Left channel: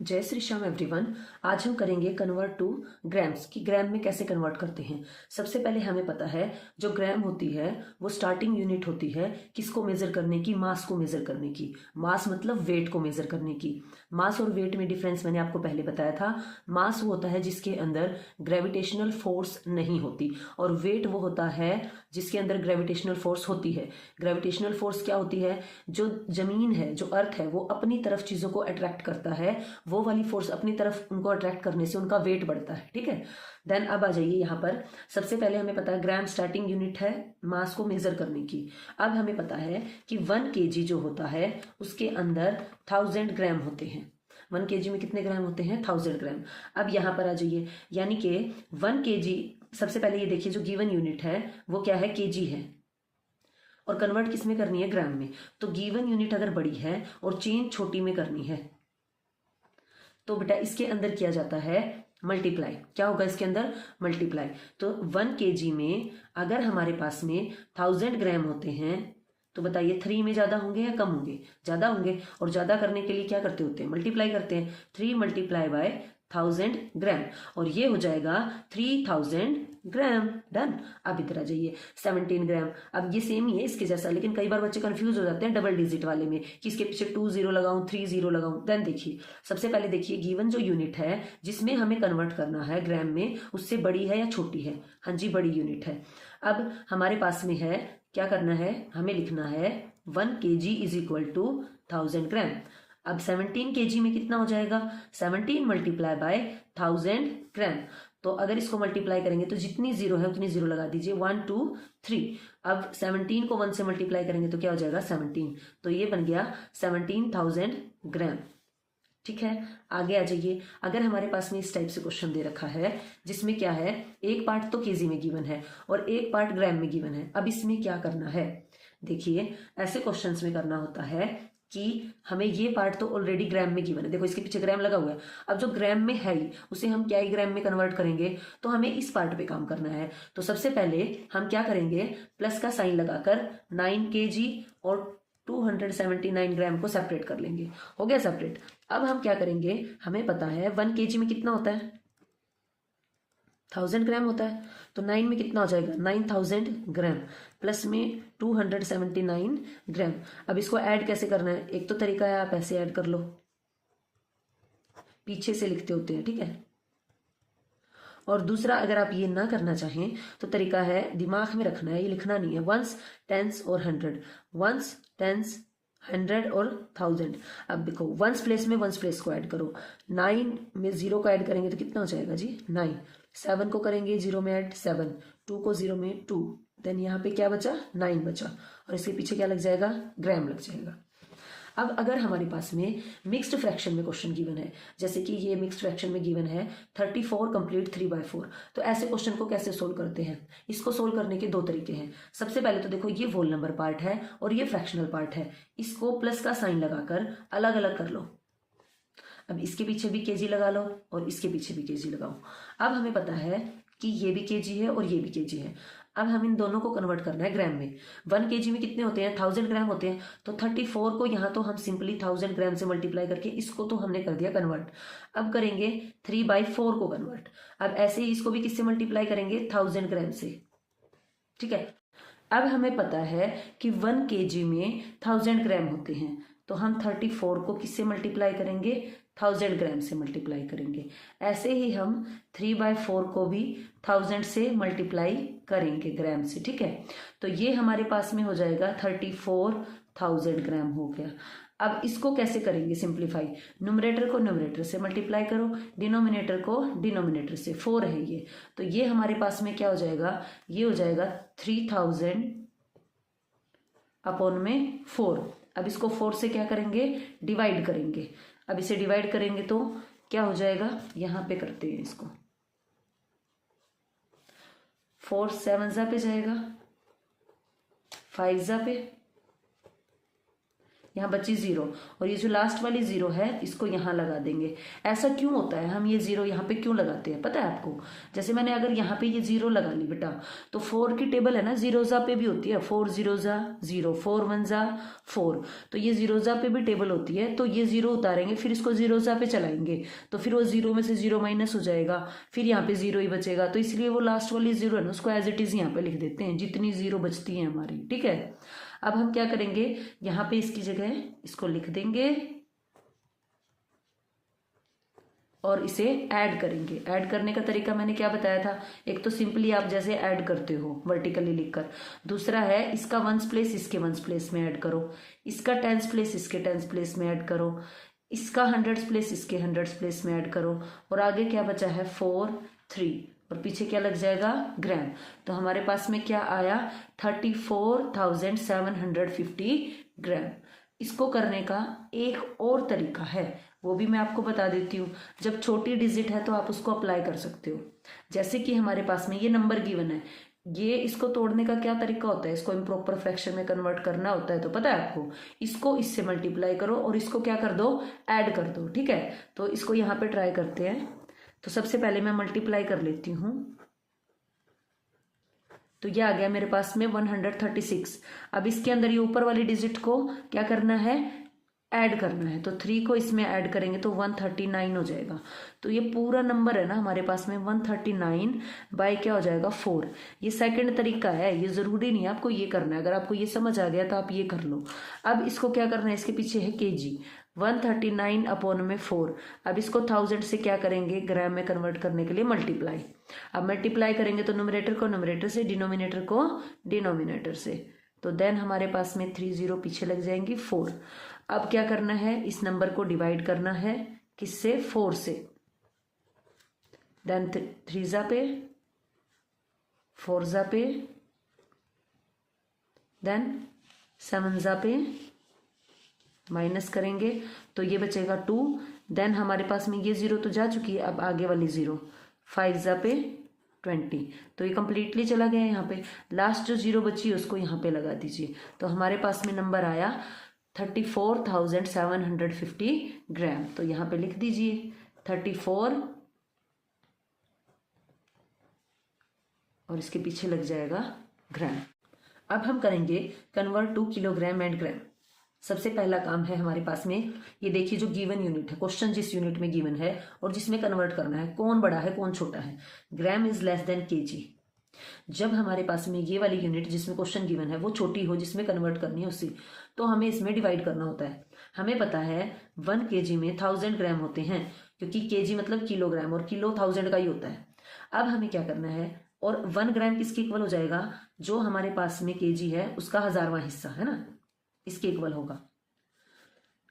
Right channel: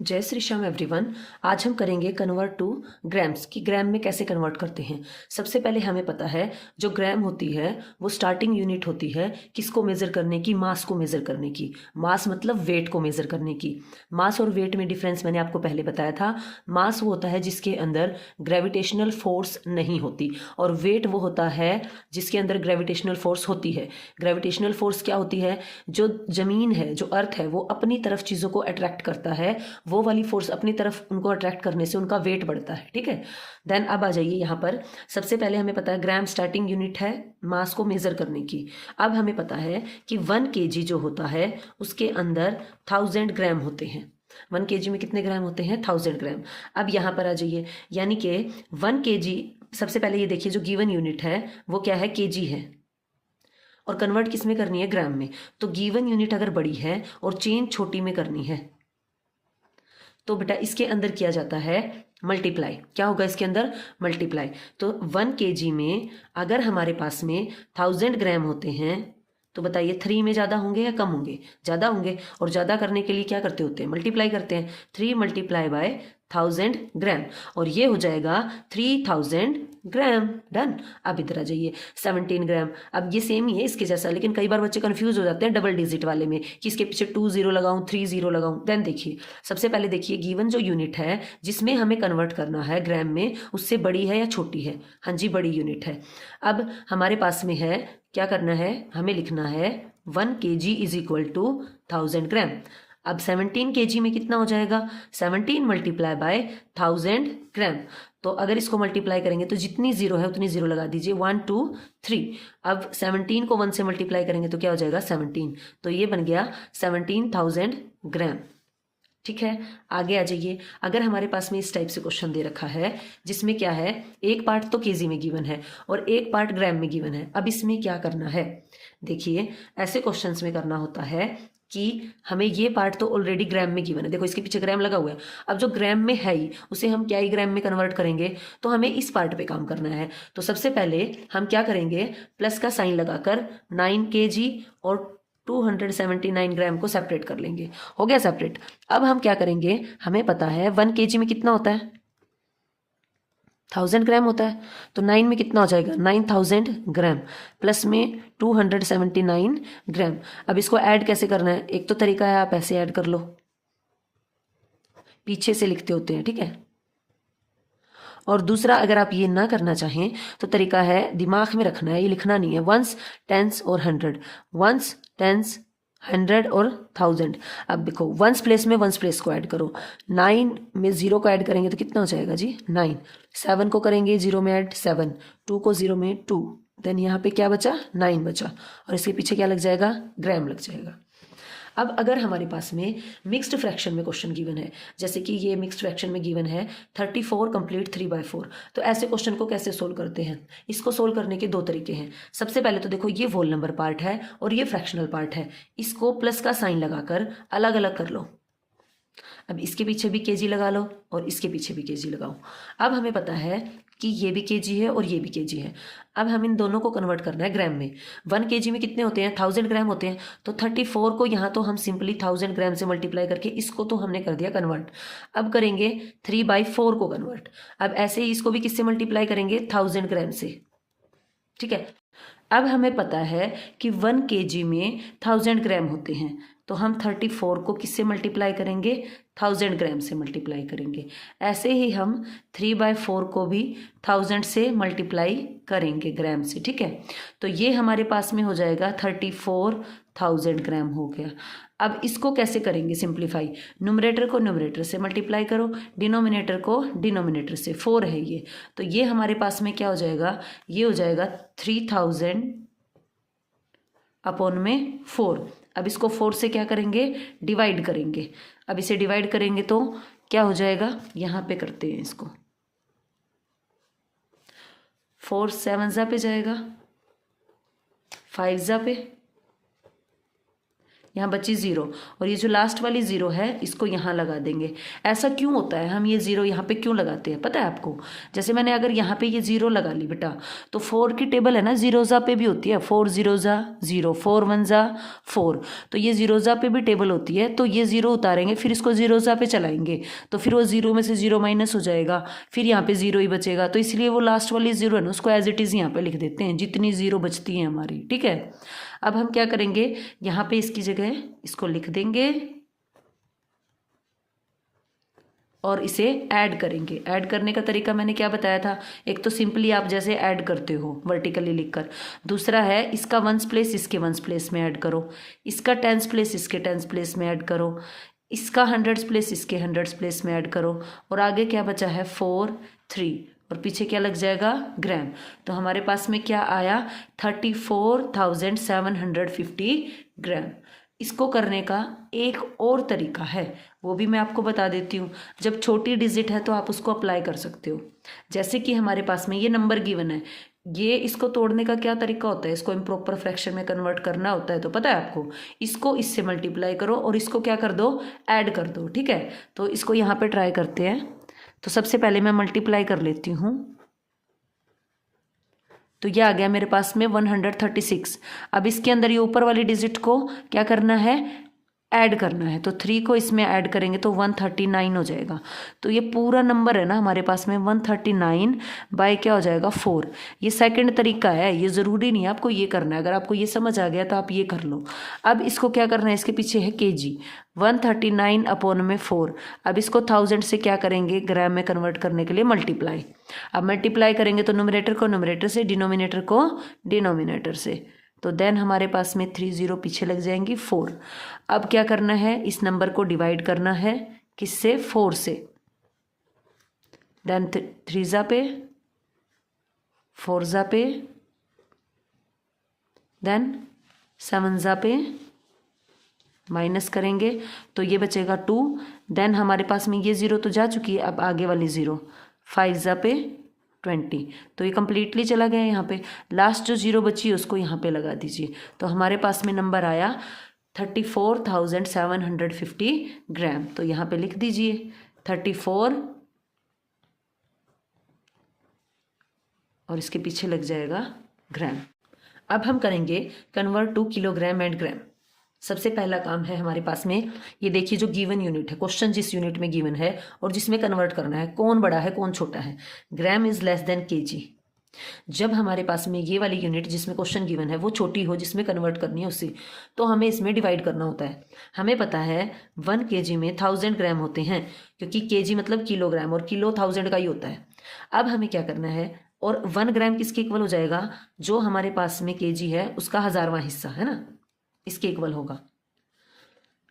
जय श्री श्याम एवरीवन। आज हम करेंगे कन्वर्ट टू ग्राम्स कि ग्राम में कैसे कन्वर्ट करते हैं। सबसे पहले हमें पता है जो ग्राम होती है वो स्टार्टिंग यूनिट होती है किसको मेजर करने की, मास को मेजर करने की। मास मतलब वेट को मेजर करने की। मास और वेट में डिफरेंस मैंने आपको पहले बताया था। मास वो होता है जिसके अंदर ग्रेविटेशनल फोर्स नहीं होती, और वेट वो होता है जिसके अंदर ग्रेविटेशनल फोर्स होती है। ग्रेविटेशनल फोर्स क्या होती है? जो जमीन है, जो अर्थ है, वो अपनी तरफ चीज़ों को अट्रैक्ट करता है, वो वाली फोर्स अपनी तरफ उनको अट्रैक्ट करने से उनका वेट बढ़ता है। ठीक है। देन अब आ जाइए यहाँ पर। सबसे पहले हमें पता है ग्राम स्टार्टिंग यूनिट है मास को मेजर करने की। अब हमें पता है कि 1 kg जो होता है उसके अंदर 1000 ग्राम होते हैं। 1 kg में कितने ग्राम होते हैं? 1000 ग्राम। अब यहाँ पर आ जाइए, यानी कि 1 kg, सबसे पहले ये देखिए जो गिवन यूनिट है वो क्या है? kg है, और कन्वर्ट किस में करनी है? ग्राम में। तो गिवन यूनिट अगर बड़ी है और चेंज छोटी में करनी है तो बेटा इसके अंदर किया जाता है मल्टीप्लाई। क्या होगा इसके अंदर? मल्टीप्लाई। तो 1 kg में अगर हमारे पास में 1000 ग्राम होते हैं तो बताइए 3 में ज़्यादा होंगे या कम होंगे? ज़्यादा होंगे। और ज़्यादा करने के लिए क्या करते होते हैं? मल्टीप्लाई करते हैं। 3 मल्टीप्लाई बाय 1000 ग्राम, और ये हो जाएगा 3000 ग्राम। डन। अब इधर आ जाइए 17 ग्राम। अब ये सेम ही है इसके जैसा, लेकिन कई बार बच्चे कंफ्यूज हो जाते हैं डबल डिजिट वाले में कि इसके पीछे 2 0 लगाऊं 3 0 लगाऊं। देन देखिए, सबसे पहले देखिए गिवन जो यूनिट है जिसमें हमें कन्वर्ट करना है ग्राम में, उससे बड़ी है या छोटी है? हाँ जी, बड़ी यूनिट है। अब हमारे पास में है, क्या करना है? हमें लिखना है 1 kg इज इक्वल टू 1000 ग्राम। अब 17 kg में कितना हो जाएगा? 17 मल्टीप्लाई बाय 1000 ग्राम। तो अगर इसको मल्टीप्लाई करेंगे तो जितनी जीरो है उतनी जीरो लगा दीजिए, 1 2 3। अब 17 को 1 से मल्टीप्लाई करेंगे तो क्या हो जाएगा? 17। तो ये बन गया 17,000 ग्राम। ठीक है। आगे आ जाइए। अगर हमारे पास में इस टाइप से क्वेश्चन दे रखा है जिसमें क्या है, एक पार्ट तो केजी में गिवन है और एक पार्ट ग्राम में गिवन है, अब इसमें क्या करना है? देखिए, ऐसे क्वेश्चंस में करना होता है कि हमें ये पार्ट तो ऑलरेडी ग्राम में गिवन है, देखो इसके पीछे ग्राम लगा हुआ है। अब जो ग्राम में है ही उसे हम क्या ही ग्राम में कन्वर्ट करेंगे, तो हमें इस पार्ट पे काम करना है। तो सबसे पहले हम क्या करेंगे? प्लस का साइन लगाकर 9 kg और 279 ग्राम को सेपरेट कर लेंगे। हो गया सेपरेट। अब हम क्या करेंगे? हमें पता है 1 kg में कितना होता है? 1000 ग्राम होता है। तो 9 में कितना हो जाएगा? 9000 ग्राम प्लस में 279 ग्राम। अब इसको ऐड कैसे करना है? एक तो तरीका है, आप ऐसे ऐड कर लो, पीछे से लिखते होते हैं, ठीक है। और दूसरा, अगर आप ये ना करना चाहें तो तरीका है, दिमाग में रखना है, ये लिखना नहीं है। वंस, टेंस और 100, वंस, टेंस, 100 और 1000। अब देखो, वंस प्लेस में वंस प्लेस को ऐड करो। 9 में 0 को ऐड करेंगे तो कितना हो जाएगा जी? 9। 7 को करेंगे 0 में ऐड, 7। 2 को 0 में 2। देन यहाँ पे क्या बचा? 9 बचा, और इसके पीछे क्या लग जाएगा? ग्राम लग जाएगा। अब अगर हमारे पास में मिक्स्ड फ्रैक्शन में क्वेश्चन गिवन है, जैसे कि ये मिक्स्ड फ्रैक्शन में गिवन है 34 कंप्लीट 3/4, तो ऐसे क्वेश्चन को कैसे सोल्व करते हैं? इसको सोल्व करने के दो तरीके हैं। सबसे पहले तो देखो, ये होल नंबर पार्ट है और ये फ्रैक्शनल पार्ट है, इसको प्लस का साइन लगाकर अलग अलग कर लो। अब इसके पीछे भी केजी लगा लो और इसके पीछे भी केजी लगाओ। अब हमें पता है कि ये भी केजी है और ये भी केजी है। अब हम इन दोनों को कन्वर्ट करना है ग्राम में। 1 kg में कितने होते हैं? 1000 ग्राम होते हैं। तो 34 को यहाँ तो हम सिंपली 1000 ग्राम से मल्टीप्लाई करके इसको तो हमने कर दिया कन्वर्ट। अब करेंगे 3/4 को कन्वर्ट। अब ऐसे ही इसको भी किससे मल्टीप्लाई करेंगे? 1000 ग्राम से। ठीक है। अब हमें पता है कि 1 kg में 1000 ग्राम होते हैं, तो हम 34 को किससे मल्टीप्लाई करेंगे? 1000 ग्राम से मल्टीप्लाई करेंगे। ऐसे ही हम 3/4 को भी 1000 से मल्टीप्लाई करेंगे ग्राम से। ठीक है। तो ये हमारे पास में हो जाएगा 34,000 ग्राम हो गया। अब इसको कैसे करेंगे सिंप्लीफाई? न्यूमरेटर को न्यूमरेटर से मल्टीप्लाई करो, डिनोमिनेटर को डिनोमिनेटर से। 4 है ये, तो ये हमारे पास में क्या हो जाएगा? ये हो जाएगा 3000 अपॉन में 4। अब इसको 4 से क्या करेंगे? डिवाइड करेंगे। अब इसे डिवाइड करेंगे तो क्या हो जाएगा? यहाँ पे करते हैं इसको, 4 7 जा पे जाएगा, 5 जा पे, यहाँ बची 0 और ये जो लास्ट वाली 0 है इसको यहाँ लगा देंगे। ऐसा क्यों होता है, हम ये 0 यहाँ पे क्यों लगाते हैं पता है आपको? जैसे मैंने अगर यहाँ पे ये 0 लगा ली बेटा, तो 4 की टेबल है ना जीरोजा पे भी होती है, 4 जीरोजा 0, 4 1 4, तो ये जीरोजा पे भी टेबल होती है। तो ये 0 उतारेंगे, फिर इसको जीरोजा पे चलाएंगे, तो फिर वो 0 में से 0 माइनस हो जाएगा, फिर यहाँ पे 0 ही बचेगा। तो इसलिए वो लास्ट वाली 0 है ना, उसको एज इट इज़ यहाँ पे लिख देते हैं, जितनी 0 बचती है हमारी, ठीक है। अब हम क्या करेंगे, यहाँ पे इसकी जगह इसको लिख देंगे और इसे ऐड करेंगे। ऐड करने का तरीका मैंने क्या बताया था, एक तो सिंपली आप जैसे ऐड करते हो वर्टिकली लिखकर, दूसरा है इसका वंस प्लेस इसके वंस प्लेस में ऐड करो, इसका टेंस प्लेस इसके टेंस प्लेस में ऐड करो, इसका हंड्रेड्स प्लेस इसके हंड्रेड्स प्लेस में ऐड करो, और आगे क्या बचा है 4 3 और पीछे क्या लग जाएगा ग्राम। तो हमारे पास में क्या आया 34,750 ग्राम। इसको करने का एक और तरीका है, वो भी मैं आपको बता देती हूँ। जब छोटी डिजिट है तो आप उसको अप्लाई कर सकते हो। जैसे कि हमारे पास में ये नंबर गिवन है, ये इसको तोड़ने का क्या तरीका होता है, इसको इम्प्रॉपर फ्रैक्शन में कन्वर्ट करना होता है। तो पता है आपको, इसको इससे मल्टीप्लाई करो और इसको क्या कर दो, ऐड कर दो, ठीक है। तो इसको यहाँ पे ट्राई करते हैं। तो सबसे पहले मैं मल्टीप्लाई कर लेती हूँ, तो ये आ गया मेरे पास में 136। अब इसके अंदर ये ऊपर वाली डिजिट को क्या करना है, ऐड करना है। तो 3 को इसमें ऐड करेंगे तो 139 हो जाएगा। तो ये पूरा नंबर है ना हमारे पास में 139 बाय क्या हो जाएगा 4। ये सेकंड तरीका है, ये ज़रूरी नहीं है आपको ये करना है। अगर आपको ये समझ आ गया तो आप ये कर लो। अब इसको क्या करना है, इसके पीछे है केजी, 139 अपॉन में 4। अब इसको 1000 से क्या करेंगे, ग्राम में कन्वर्ट करने के लिए मल्टीप्लाई। अब मल्टीप्लाई करेंगे तो न्यूमरेटर को न्यूमरेटर से, डिनोमिनेटर को डिनोमिनेटर से, तो देन हमारे पास में 3 0 पीछे लग जाएंगी 4। अब क्या करना है, इस नंबर को डिवाइड करना है किससे, 4 से। देन 3 जा पे, 4 जा पे, देन 7 जा पे, माइनस करेंगे तो ये बचेगा 2। देन हमारे पास में ये 0 तो जा चुकी है, अब आगे वाली 0, 5 जा पे 20, तो ये कंप्लीटली चला गया यहाँ पे। लास्ट जो 0 बची है उसको यहाँ पे लगा दीजिए। तो हमारे पास में नंबर आया 34,750 ग्राम। तो यहाँ पे लिख दीजिए 34 और इसके पीछे लग जाएगा ग्राम। अब हम करेंगे कन्वर्ट टू किलोग्राम एंड ग्राम। सबसे पहला काम है हमारे पास में, ये देखिए जो गिवन यूनिट है, क्वेश्चन जिस यूनिट में गिवन है और जिसमें कन्वर्ट करना है, कौन बड़ा है कौन छोटा है। Gram is less than KG. जब हमारे पास में ये वाली यूनिट जिसमें क्वेश्चन गिवन है वो छोटी हो, जिसमें कन्वर्ट करनी है उससे, तो हमें इसमें डिवाइड करना होता है। हमें पता है 1 kg में 1000 ग्राम होते हैं, क्योंकि केजी मतलब किलोग्राम और किलो 1000 का ही होता है। अब हमें क्या करना है, और 1 ग्राम किसके इक्वल हो जाएगा, जो हमारे पास में केजी है उसका 1000वां हिस्सा है ना, इसके इक्वल होगा।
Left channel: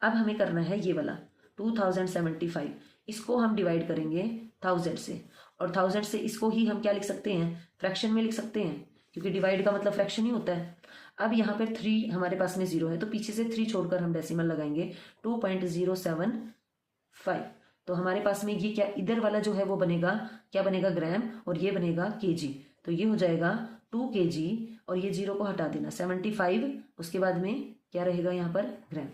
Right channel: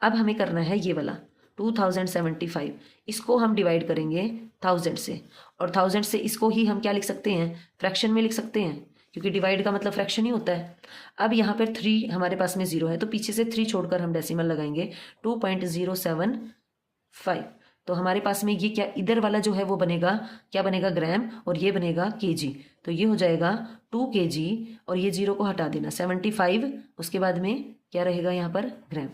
अब हमें करना है ये वाला 2075, इसको हम डिवाइड करेंगे 1000 से, और 1000 से इसको ही हम क्या लिख सकते हैं, फ्रैक्शन में लिख सकते हैं, क्योंकि डिवाइड का मतलब फ्रैक्शन ही होता है। अब यहाँ पर 3 हमारे पास में 0 है, तो पीछे से 3 छोड़कर हम डेसिमल लगाएंगे 2.075। तो हमारे पास में ये क्या, इधर वाला जो है वो बनेगा, क्या बनेगा ग्राम, और ये बनेगा केजी। तो ये हो जाएगा 2 kg, और ये 0 को हटा देना 75, उसके बाद में क्या रहेगा यहाँ पर ग्राम।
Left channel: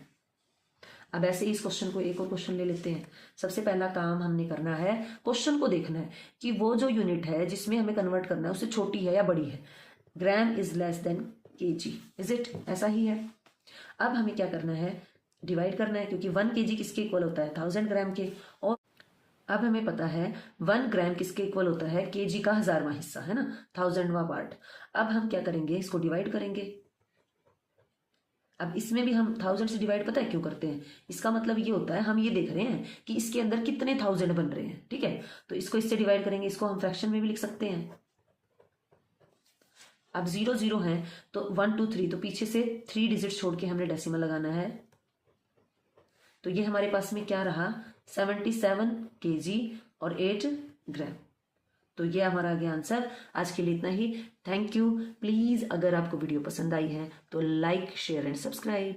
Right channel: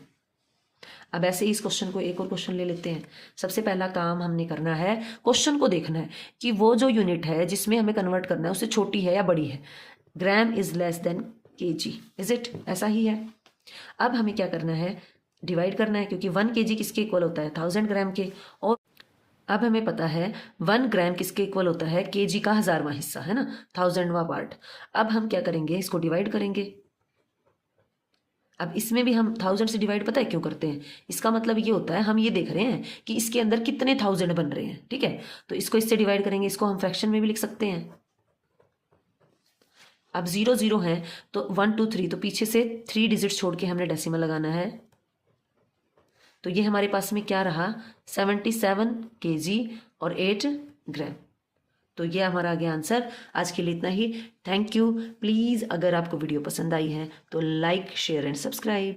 अब ऐसे ही इस क्वेश्चन को एक और क्वेश्चन ले लेते हैं। सबसे पहला काम हमने करना है, क्वेश्चन को देखना है कि वो जो यूनिट है जिसमें हमें कन्वर्ट करना है उससे छोटी है या बड़ी है। Gram is less than KG, is it, ऐसा ही है। अब हमें क्या करना है, डिवाइड करना है, क्योंकि 1 kg किसके इक्वल होता है 1000 ग्राम के, और अब हमें पता है 1 ग्राम किसके इक्वल होता है, केजी का 1000वां हिस्सा है ना, 1000वां पार्ट। अब हम क्या करेंगे, इसको डिवाइड करेंगे। अब इसमें भी हम 1000 से डिवाइड पता है क्यों करते हैं, इसका मतलब ये होता है हम ये देख रहे हैं कि इसके अंदर कितने 1000 बन रहे हैं, ठीक है। तो इसको इससे डिवाइड करेंगे, इसको हम फ्रैक्शन में भी लिख सकते हैं। अब 0 0 है तो 1 2 3, तो पीछे से 3 डिजिट छोड़ के हमने डेसिमल लगाना है। तो ये हमारे पास में क्या रहा 77 kg और 8 ग्राम। तो ये हमारा आ गया आंसर। आज के लिए इतना ही, थैंक यू। प्लीज़ अगर आपको वीडियो पसंद आई है तो लाइक शेयर एंड सब्सक्राइब।